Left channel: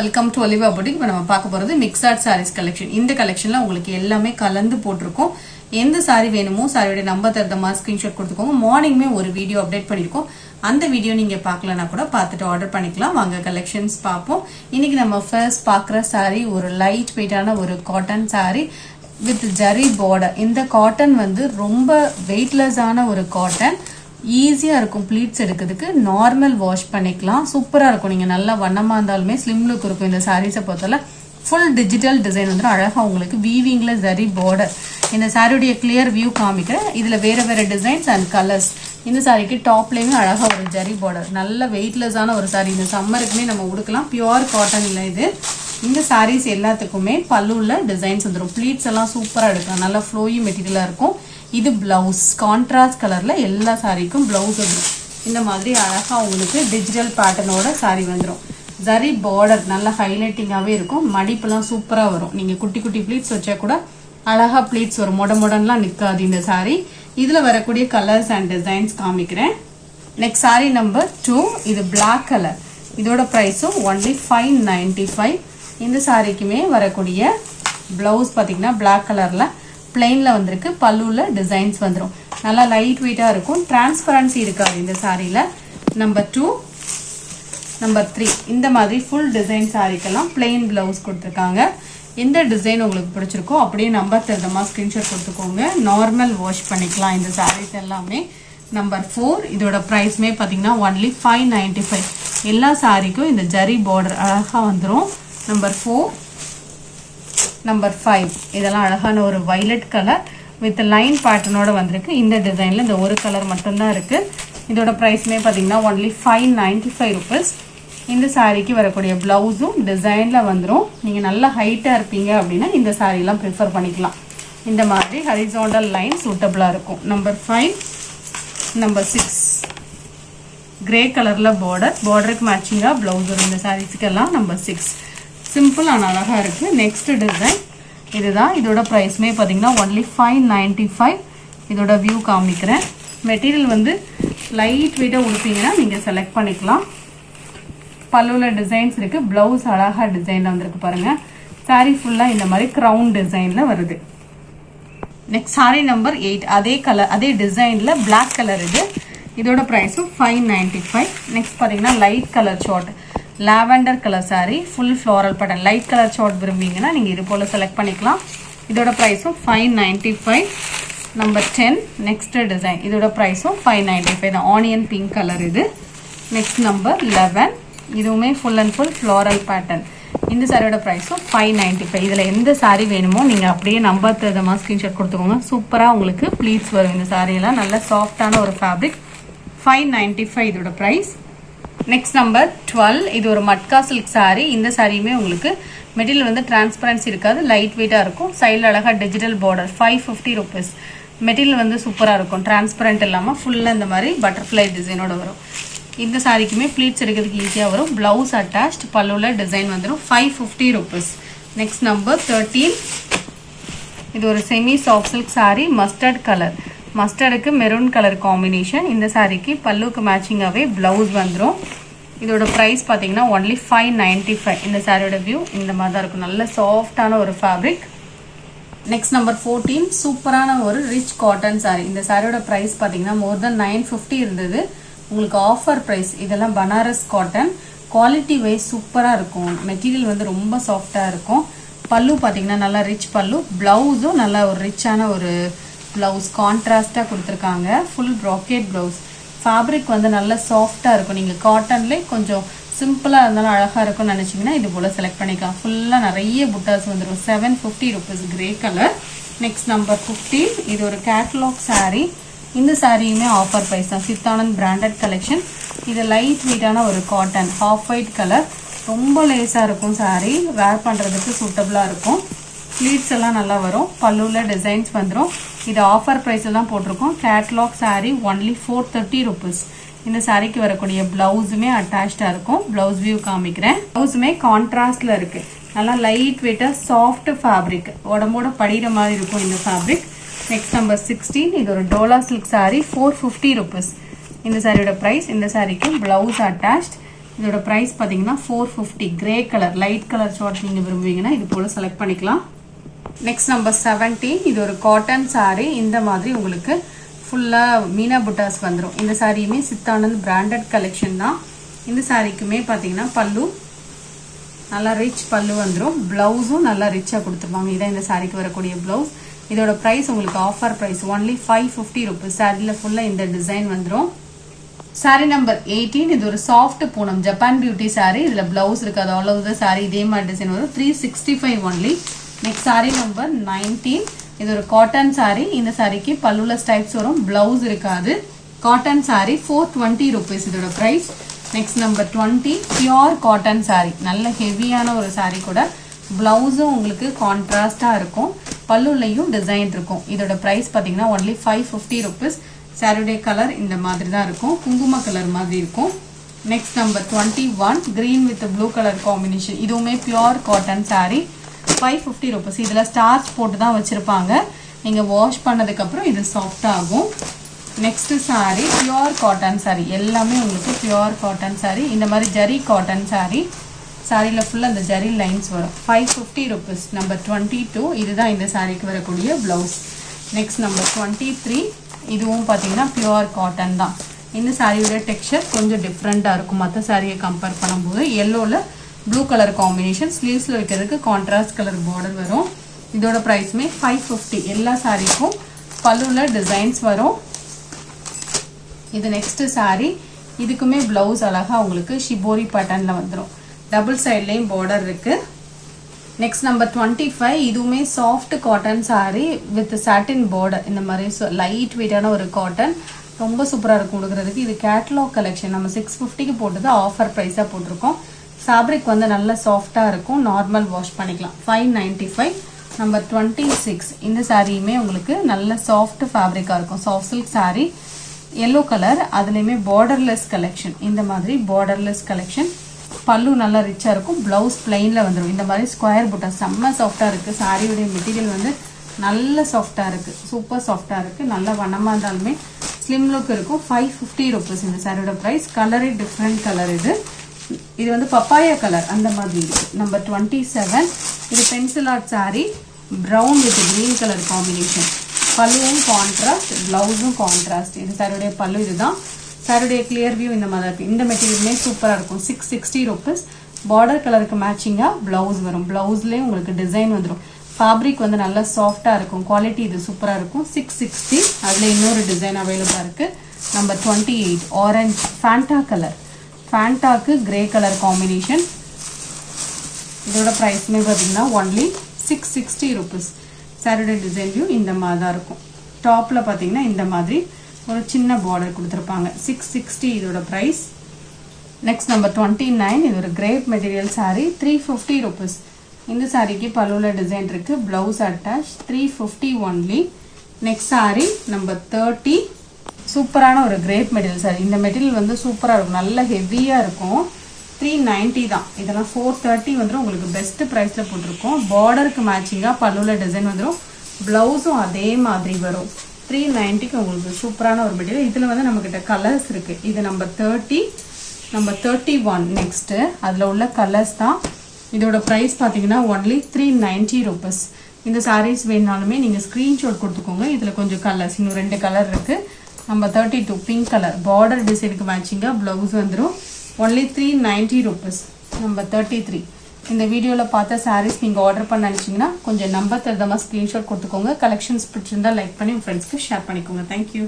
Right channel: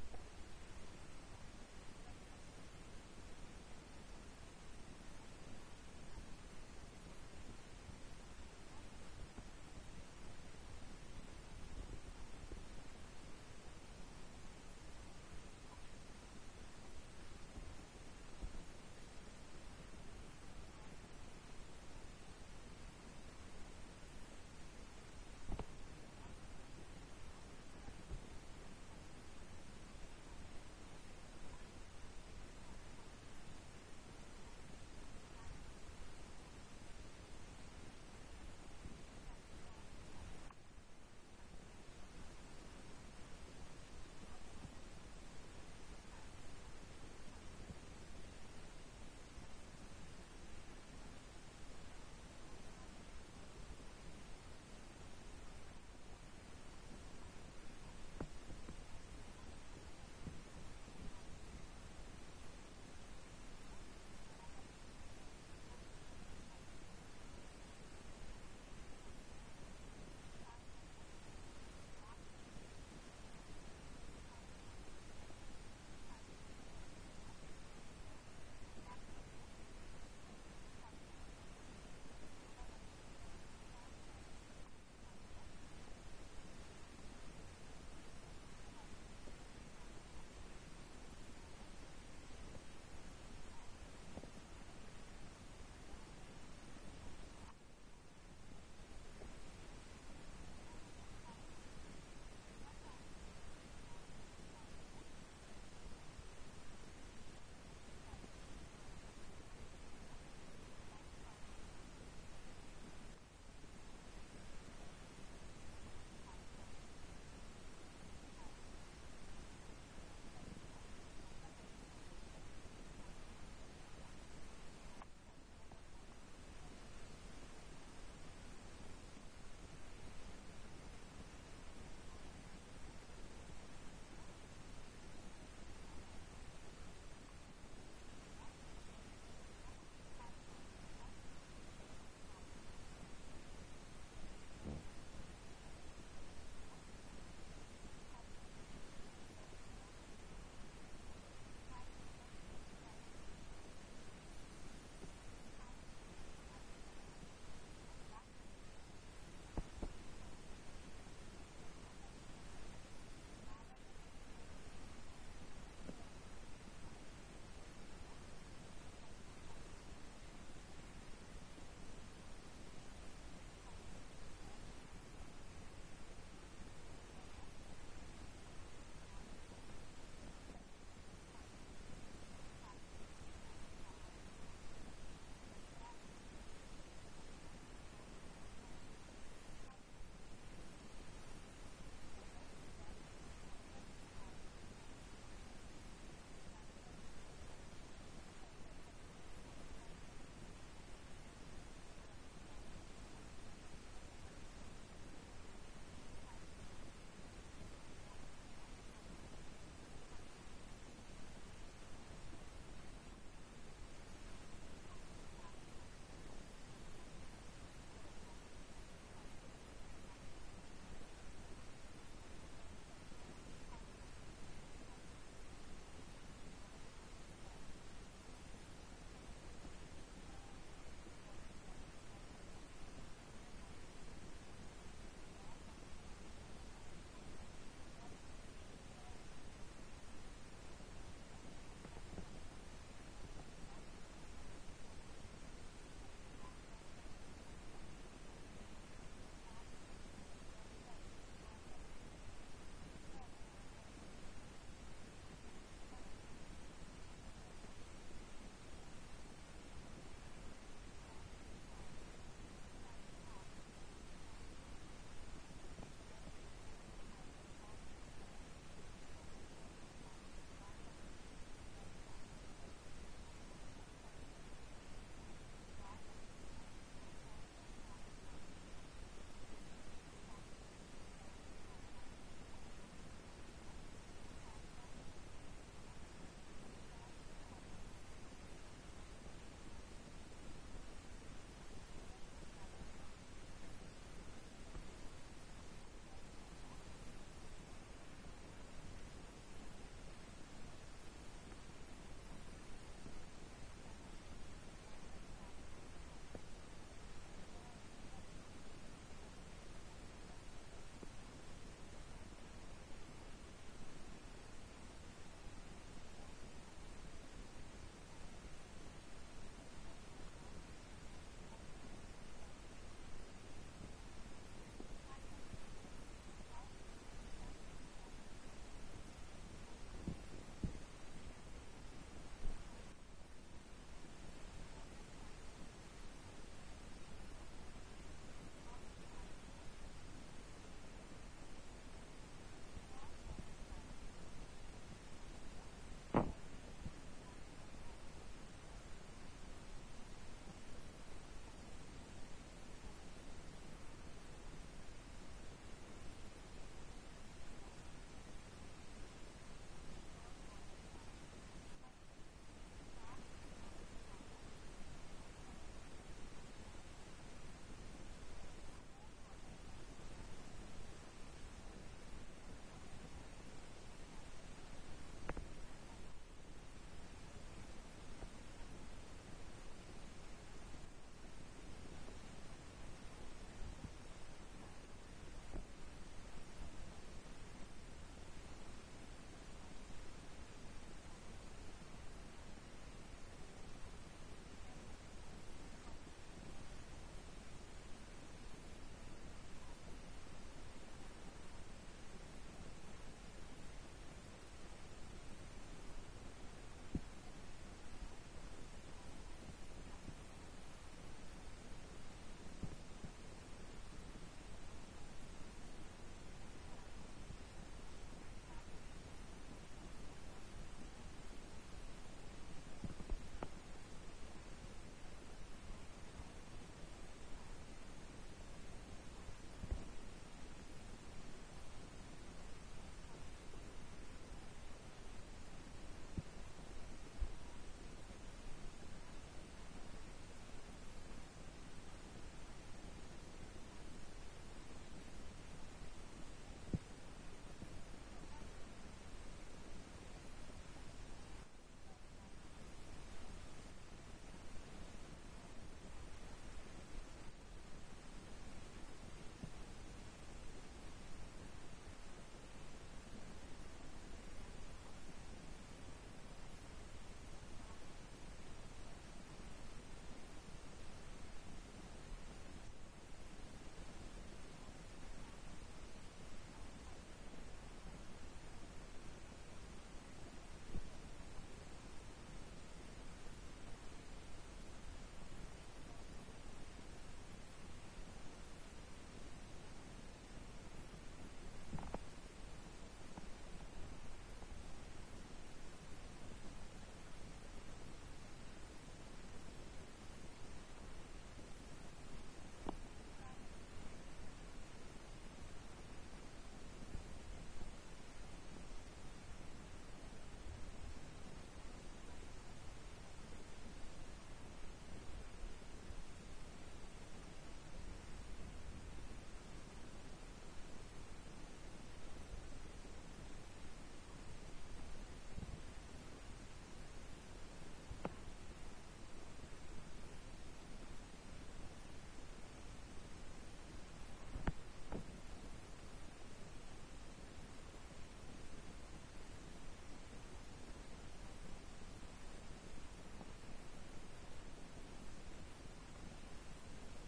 Welcome to Olivia boutique. இப்போ நம்ம பார்க்க போகிறது மிக்ஸ்ட் சாரீஸ் கலெக்ஷன். இந்த கலெக்ஷனில் உங்களுக்கு எல்லாமே கலந்து போட்டிருக்கோம். எந்த சாரி வேணுமோ சாரியோட நம்பர் தருத மாதிரி ஸ்க்ரீன்ஷாட் கொடுத்துக்கோங்க. மார்னிங்குமே ஒரு வீடியோ அப்டேட் பண்ணியிருக்கோம். அந்த வீடியோ நீங்கள் பார்க்கலன்னா கூட பார்த்துட்டு ஆர்டர் பண்ணிக்கலாம். வாங்க கலெக்ஷன்ஸ் பார்ப்போம். இன்னைக்கு நம்ம ஃபர்ஸ்ட் பார்க்குற சாரி ஒரு லைட் வெயிட்டான ஒரு cotton sorry with zari border. இந்த காட்டன் வந்து ரொம்ப வெயிட்லெஸ்ஸான ஒரு காட்டன். ஈஸியாக இருக்கும் ப்ளீட்ஸ் எடுக்கிறதுக்கு. நார்மல் வாஷ் பண்ணிக்கலாம். சூப்பராக இருக்கும். நீங்கள் நல்லா வண்ணமாக இருந்தாலுமே ஸ்லிம் லுக் இருக்கும். இந்த சாரீஸை பொறுத்தவரை ஃபுல் டிஜிட்டல் டிசைன் வந்து அழகாக உங்களுக்கு வீவிங்கில் ஜரி பார்டர். இந்த சாரியுடைய கிளியர் வியூ காமிக்கிறேன். இதில் வேறு வேறு டிசைன்ஸ் அண்ட் கலர்ஸ். இந்த சாரிக்கு டாப்லேயுமே அழகாக ஒரு ஜரி பார்டர். நல்ல வெயிட்லெஸ்ஸான ஒரு சாரி. இந்த சம்மருக்குமே நம்ம உடுக்கலாம். பியூர் காட்டன் இல்லை இது. இந்த சாரீஸ் எல்லாத்துக்குமே பல்லுவில் டிசைன்ஸ் வந்துடும். ப்ளீட்ஸ் எல்லாம் சூப்பராக எடுக்கலாம். நல்லா ஃப்ளோயி மெட்டீரியலாக இருக்கும். இது பிளவுஸ் கான்ட்ராஸ்ட் கலர்ல எல்லா சாரிக்கும் பிளவுஸ் வந்துடும். இந்த மாதிரி அழகா உங்களுக்கு டிஜிட்டல் பேட்டர்னோட சாரி வந்துடும். ஜரி பார்டர் நல்ல ஹைலைட்டிங்காகவே இருக்கும். மடிப்பெல்லாம் சூப்பராக வரும். நீங்கள் குட்டி குட்டி ப்ளீட்ஸ் வச்சா கூட அழகா ப்ளீட்ஸ் வரும். மொடன்லாம் நிற்காது இந்த சாரி. இதில் வரக்கூடிய கலர்ஸ் அண்ட் டிசைன்ஸ் காமிக்கிறேன். Next sorry number 2. இது பிளாக் கலர். இதோட ப்ரைஸும் ஒன்லி 595. இந்த சாரிக்குமே வரக்கூடிய பிளவுஸ் பார்த்தீங்கன்னா பிளாக் கலரில் பிளெயினில் வந்திருக்கு. பல்லுவில் டிசைன்ஸ் வந்துடும். நல்லா லைட் வெயிட்டாக இருக்கும். டிரான்ஸ்பரன்சி இருக்காது இந்த சாரியில். நம்பர் 2 நம்பர் 3 இந்த மாதிரி ஃபுல் டிசைன் சாரிக்கெல்லாம் பிளெயின் பிளவுஸ் கொடுத்துருக்காங்க. எந்த டிசைன் உங்களுக்கு பிடிச்சிருக்கோ அப்படியே நம்பர் தெரிஞ்சமா ஸ்க்ரீன்ஷாட் கொடுத்துக்கோங்க. நார்மல் வாஷ் பண்ணிக்கலாம் இந்த சாரீஸ் எல்லாமே. நம்பர் 4 இதோட ப்ரைஸ்மே பார்த்தீங்கன்னா ஒன்லி 595. எல்லா சாரிக்கும் இந்த ஜரி பார்டர் அழகாக வந்துடும். நம்பர் 4 நம்பர் 5 இதெல்லாம் அழகான ஒரு வைலட் கலர் வித் லைன் பேட்டர்னோட வந்திருக்கு. இந்த டிசைனில் இந்த ஒரு கலர் மட்டும்தான் இருக்குது. இதோட ப்ரைஸ்மே பார்த்தீங்கன்னா ஒன்லி 595 ருபீஸ். இந்த சாரீக்கு வரக்கூடிய ப்ளவுஸும் டிசைனில் வந்துடும். நீங்கள் நல்லா ஹைட்டாக இருப்பீங்க அப்படின்னா இந்த சாரீலாம் ப்ரிஃபர் பண்ணிக்கலாம். இந்த மாதிரி ஹரிசாண்டல் லைன் சூட்டபிளாக இருக்கும். நம்பர் 5 நம்பர் 6 கிரே கலரில் பார்டருக்கு மேட்சிங்காக ப்ளவுஸ் வரும் இந்த சாரீஸுக்கெல்லாம். நம்பர் 6 சிம்பிள் ஆனால் அழகாக இருக்குது. நெக்ஸ்ட் டிசைன் இதுதான். இதோட ப்ரைஸ்மே பார்த்தீங்கன்னா ஒன்லி 595. இதோட வியூ காமிக்கிறேன். மெட்டீரியல் வந்து லைட் வெயிட்டாக உடுப்பீங்கன்னா நீங்கள் செலக்ட் பண்ணிக்கலாம். பல்லுவில் டிசைன்ஸ் இருக்குது. ப்ளவுஸ் அழகாக டிசைனில் வந்திருக்கு பாருங்கள். சாரீ ஃபுல்லாக இந்த மாதிரி க்ரௌன் டிசைனில் வருது. நெக்ஸ்ட் சாரீ நம்பர் 8 அதே கலர் அதே டிசைனில் பிளாக் கலர் இது. இதோட ப்ரைஸும் 595. நெக்ஸ்ட் பார்த்தீங்கன்னா light colour short lavender colour sari full floral pattern. Light colour short விரும்புவீங்கன்னா நீங்கள் இது போல் செலக்ட் பண்ணிக்கலாம். இதோட ப்ரைஸும் 595. Number 10 next design. இதோட ப்ரைஸும் 595 தான். ஆனியன் பிங்க் கலர் இது. நெக்ஸ்ட் நம்பர் 11 இதுவுமே full and full floral pattern. இந்த சாரியோட ப்ரைஸும் 595. இதில் எந்த சாரி வேணுமோ நீங்கள் அப்படியே நம்பர் தகுந்தமாக ஸ்க்ரீன்ஷாட் கொடுத்துக்கோங்க. சூப்பராக உங்களுக்கு ப்ளீட்ஸ் வரும். இந்த சாரியெல்லாம் நல்ல சாஃப்டான ஒரு ஃபேப்ரிக். 595 இதோட ப்ரைஸ். நெக்ஸ்ட் நம்பர் 12 இது ஒரு மட்கா சில்க் சாரி. இந்த சாரியுமே உங்களுக்கு மெட்டீரியல் வந்து டிரான்ஸ்பரன்சி இருக்காது. லைட் வெயிட்டாக இருக்கும். சைடில் அழகாக டிஜிட்டல் பார்டர். 550 ருபீஸ். மெட்டீரியல் வந்து சூப்பராக இருக்கும். டிரான்ஸ்பரண்ட் இல்லாமல் ஃபுல்லாக இந்த மாதிரி பட்டர்ஃப்ளை டிசைனோட வரும். இந்த சாரிக்குமே ப்ளீட்ஸ் எடுக்கிறதுக்கு ஈஸியாக வரும். ப்ளவுஸ் அட்டாச்ட் பல்லுவில் டிசைன் வந்துடும். 550 ருபீஸ். நெக்ஸ்ட் நம்பர் 13 இது ஒரு semi soft silk sari mustard colour. மஸ்டர்டுக்கு மெரூன் கலர் காம்பினேஷன். இந்த சாரிக்கு பல்லுக்கு மேட்சிங்காகவே ப்ளவுஸ் வந்துடும். இதோட ப்ரைஸ் பார்த்தீங்கன்னா ஒன்லி 595. இந்த சாரியோட வியூ இந்த மாதிரி தான் இருக்கும். நல்ல சாஃப்டான ஒரு ஃபேப்ரிக். நெக்ஸ்ட் நம்பர் 14 சூப்பரான ஒரு ரிச் காட்டன் சாரி. இந்த சாரியோட ப்ரைஸ் பார்த்தீங்கன்னா மோர் தென் 950 இருந்தது. உங்களுக்கு ஆஃபர் ப்ரைஸ். இதெல்லாம் பனாரஸ் காட்டன். குவாலிட்டி வைஸ் சூப்பராக இருக்கும். மெட்டீரியல் வந்து ரொம்ப சாஃப்டாக இருக்கும். பல்லு பார்த்தீங்கன்னா நல்லா ரிச் பல்லு. ப்ளவுஸும் நல்லா ஒரு ரிச்சான ஒரு ப்ளவுஸ் கான்ட்ராஸ்டாக கொடுத்துருக்காங்க. Full bracket blouse. ஃபேப்ரிக் வந்து நல்லா சாஃப்டாக இருக்கும். நீங்கள் காட்டன்லேயே கொஞ்சம் சிம்பிளாக இருந்தாலும் அழகாக இருக்கும்னு நினச்சிங்கன்னா இது போல் செலக்ட் பண்ணிக்கலாம். ஃபுல்லாக நிறைய புட்டாஸ் வந்துடும். 750 rupees grey colour. Next number 15 இது ஒரு கேட்லாக் சாரீ. இந்த சாரியுமே ஆஃபர் ப்ரைஸ் தான். Chidanand branded collection. இது லைட் வெயிட்டான ஒரு காட்டன் ஹாஃப் ஒயிட் கலர். ரொம்ப லேஸாக இருக்கும் சாரீ. வேர் பண்ணுறதுக்கு சூட்டபுளாக இருக்கும். ப்ளீட்ஸ் எல்லாம் நல்லா வரும். பல்லுவில் டிசைன்ஸ் வந்துடும். இது ஆஃபர் ப்ரைஸில் தான் போட்டிருக்கோம். Catalogue sari only 430 rupees. இந்த சாரிக்கு வரக்கூடிய ப்ளவுஸுமே அட்டாச்சாக இருக்கும். ப்ளவுஸ் வியூ காமிக்கிறேன். ப்ளவுஸுமே கான்ட்ராஸ்டில் இருக்குது. நல்லா லைட் வெயிட்டாக சாஃப்ட் ஃபேப்ரிக். உடம்போட படிகிற மாதிரி இருக்கும் இந்த ஃபேப்ரிக். நெக்ஸ்ட் நம்பர் 16 இது ஒரு டோலா சில்க் சாரீ 450 ருபீஸ். இந்த சாரியோட ப்ரைஸ். இந்த சாரிக்கு ப்ளவுஸ் அட்டாச்ட். இதோட பிரைஸ் பாத்தீங்கன்னா 450. Grey colour light colour short நீங்க விரும்புவீங்கன்னா இது போல செலக்ட் பண்ணிக்கலாம். Next number 17. இது ஒரு காட்டன் saree. இந்த மாதிரி உங்களுக்கு ஃபுல்லா மீனா புட்டாஸ் வந்துரும். இந்த சாரியுமே சித்தானந்த் பிராண்டட் கலெக்ஷன் தான். இந்த சாரிக்குமே பாத்தீங்கன்னா பல்லு நல்லா ரிச் பல்லு வந்துரும். பிளவுஸும் நல்லா ரிச்சா கொடுத்துருவாங்க. இதான் இந்த சாரிக்கு வரக்கூடிய பிளவுஸ். இதோட பிரைஸ் உங்களுக்கு ஆஃபர் பிரைஸ் only 550 rupees. சாரில ஃபுல்லா இந்த டிசைன் வந்துரும். Sorry number 18. இது ஒரு soft Poonam Japan beauty sorry. இதுல பிளவுஸ் இருக்காது. ஆல் ஓவர் தி சாரி இதே மாதிரி டிசைன் வரும். 365 only. Next sorry number 19. இது ஒரு காட்டன் சாரி. இந்த சாரிக்கு பல்லுல ஸ்டைப்ஸ் வரும். பிளவுஸ் இருக்காது. காட்டன் சாரி 420 rupees இதோட price. Next number 20. Pure cotton sari. நல்ல ஹெவியான ஒரு சாரி கூட. பிளவுஸும் உங்களுக்கு கான்ட்ராஸ்டா இருக்கும். பல்லுலையும் டிசைன் இருக்கும். இதோட பிரைஸ் பாத்தீங்கன்னா only 550 rupees. சாரியுடைய கலர் இந்த மாதிரி தான் இருக்கும். குங்கும கலர் மாதிரி இருக்கும். Next number 21. Green with blue colour combination. இதுவுமே பியூர் காட்டன் சாரி. 550 rupees. இதுல ஸ்டார்ச் போட்டு தான் வச்சிருப்பாங்க. நீங்க வாஷ் பண்ணதுக்கு அப்புறம் இது சாஃப்ட் ஆகும். Next sorry pure cotton sorry. எல்லாமே உங்களுக்கு பியூர் காட்டன் சாரி. இந்த மாதிரி ஜரி காட்டன் சாரி. சாரில ஃபுல்லா அந்த ஜரி லைன்ஸ் வரும். 550 rupees. நம்பர் 22. இதுதான் இந்த சாரிக்கு வரக்கூடிய பிளவுஸ். Next number 23. இதுவும் பாத்தீங்கன்னா பியூர் காட்டன் தான். இந்த சாரியோட டெக்ஸ்சர் கொஞ்சம் டிஃப்ரெண்டா இருக்கும் மற்ற சாரியை கம்பேர் பண்ணும்போது. எல்லோல ப்ளூ கலர் காம்பினேஷன். ஸ்லீவ்ஸ்ல வைக்கிறதுக்கு கான்ட்ராஸ்ட் கலர் பார்டர் வரும். இதோட பிரைஸ்மே 550. எல்லா சாரிக்கும் பல்லுல டிசைன்ஸ் வரும். இது நெக்ஸ்ட் சாரி. இதுக்குமே பிளவுஸ் அழகா உங்களுக்கு ஷிபோரி பேட்டர்ன்ல வந்துடும். டபுள் சைட்லயும் பார்டர் இருக்கு. Next number 25. இதுவுமே soft cotton sorry with satin border. இந்த மாதிரி லைட் வெயிட்டான ஒரு காட்டன். ரொம்ப சூப்பரா இருக்கும் கொடுக்கறதுக்கு. இது கேட்டலாக் கலெக்ஷன். நம்ம 650க்கு போட்டது ஆஃபர் பிரைஸா போட்டிருக்கோம். ஃபேப்ரிக் வந்து நல்ல சாஃப்டா இருக்கும். நார்மல் வாஷ் பண்ணிக்கலாம். 595. நம்பர் 26. இந்த சாரியுமே உங்களுக்கு நல்ல சாஃப்ட் ஃபேப்ரிக்கா இருக்கும். Soft silk sorry. Yellow colour. அதுலயுமே பார்டர்லெஸ் கலெக்ஷன். இந்த மாதிரி பார்டர்லெஸ் கலெக்ஷன். பல்லு நல்லா ரிச்சா இருக்கும். பிளவுஸ் பிளைன்ல வந்துடும். இந்த மாதிரி ஸ்கொயர் புட்டா செம்ம சாஃப்டா இருக்கு. சாரியுடைய மெட்டீரியல் வந்து நல்ல சாஃப்டா இருக்கு. சூப்பர் சாஃப்டா இருக்கு. நல்ல வண்ணமா இருந்தாலுமே ஸ்லிம் லுக் இருக்கும். 550 rupees இந்த சாரியோட பிரைஸ். கலரே டிஃப்ரெண்ட் கலர். இது வந்து பப்பாயா கலர் அந்த மாதிரி இருக்கு. நம்பர் 27. இது pencil art sari. Brown with green colour combination. பல்லுவும் கான்ட்ராஸ்ட், பிளவுஸும் கான்ட்ராஸ்ட். இது சாரியுடைய பல்லு. இதுதான் சாரியுடைய கிளியர் வியூ. இந்த மாதிரி இருக்கு. இந்த மெட்டீரியலுமே சூப்பரா இருக்கும். 660 rupees. பார்டர் கலருக்கு மேட்சிங்கா பிளவுஸ் வரும். பிளவுஸ்லயே உங்களுக்கு டிசைன் வந்துடும். ஃபேப்ரிக் வந்து நல்லா சாஃப்டா இருக்கும். குவாலிட்டி இது சூப்பரா இருக்கும். 660. அதுல இன்னொரு டிசைன் அவைலபிளா இருக்கு. நம்பர் 28. Orange Fanta colour. ஃபேண்டாக்கு கிரே கலர் காம்பினேஷன். இதோட பிரைஸ்மே பாத்தீங்கன்னா only 660 rupees. சாரியோட டிசைன் வியூ இந்த மாதிரி தான் இருக்கும். டாப்ல பாத்தீங்கன்னா இந்த மாதிரி ஒரு சின்ன பார்டர் கொடுத்துருப்பாங்க. 660 இதோட பிரைஸ். Next number 29. இது ஒரு கிரேப் மெட்டீரியல் சாரி. 350 rupees. இந்த சாரிக்கு பல்லுல டிசைன் இருக்கு. Blouse attach. 350 only. Next sorry number 30. சூப்பரான ஒரு கிரேப் மெட்டீரியல் சாரி. இந்த மெட்டீரியல் வந்து சூப்பரா இருக்கும். நல்ல ஹெவியா இருக்கும். 390 தான். இதெல்லாம் 430 வந்துடும். உங்களுக்கு பெஸ்ட் பிரைஸ்ல போட்டிருக்கோம். பார்டருக்கு மேட்சிங்கா பல்லுல டிசைன் வந்துடும். பிளவுஸும் அதே மாதிரி வரும். 390க்கு உங்களுக்கு சூப்பரான ஒரு மெட்டீரியல். இதுல வந்து நம்ம கிட்ட கலர்ஸ் இருக்கு. இது நம்பர் 30. Number 31 next. அதுல உள்ள கலர்ஸ் தான். இதோட பிரைஸ் பாத்தீங்கன்னா only 390 rupees. இந்த சாரீஸ் வேணாலுமே நீங்க ஸ்கிரீன்ஷாட் கொடுத்துக்கோங்க. இதுல கொஞ்சம் கலர்ஸ் இன்னும் 2 கலர் இருக்கு. Number 32 pink colour. பார்டர் டிசைனுக்கு மேட்சிங்கா பிளவுஸ் வந்துடும். only 390 rupees. நம்பர் 33. இந்த வீடியோல பார்த்த சாரீஸ் நீங்க ஆர்டர் பண்ண நினைச்சீங்கன்னா கொஞ்சம் நம்பர் தரதமா ஸ்கிரீன்ஷாட் கொடுத்துக்கோங்க. கலெக்ஷன்ஸ் பிடிச்சிருந்தா லைக் பண்ணி உங்க ஃப்ரெண்ட்ஸ்க்கு ஷேர் பண்ணிக்கோங்க. தேங்க்யூ.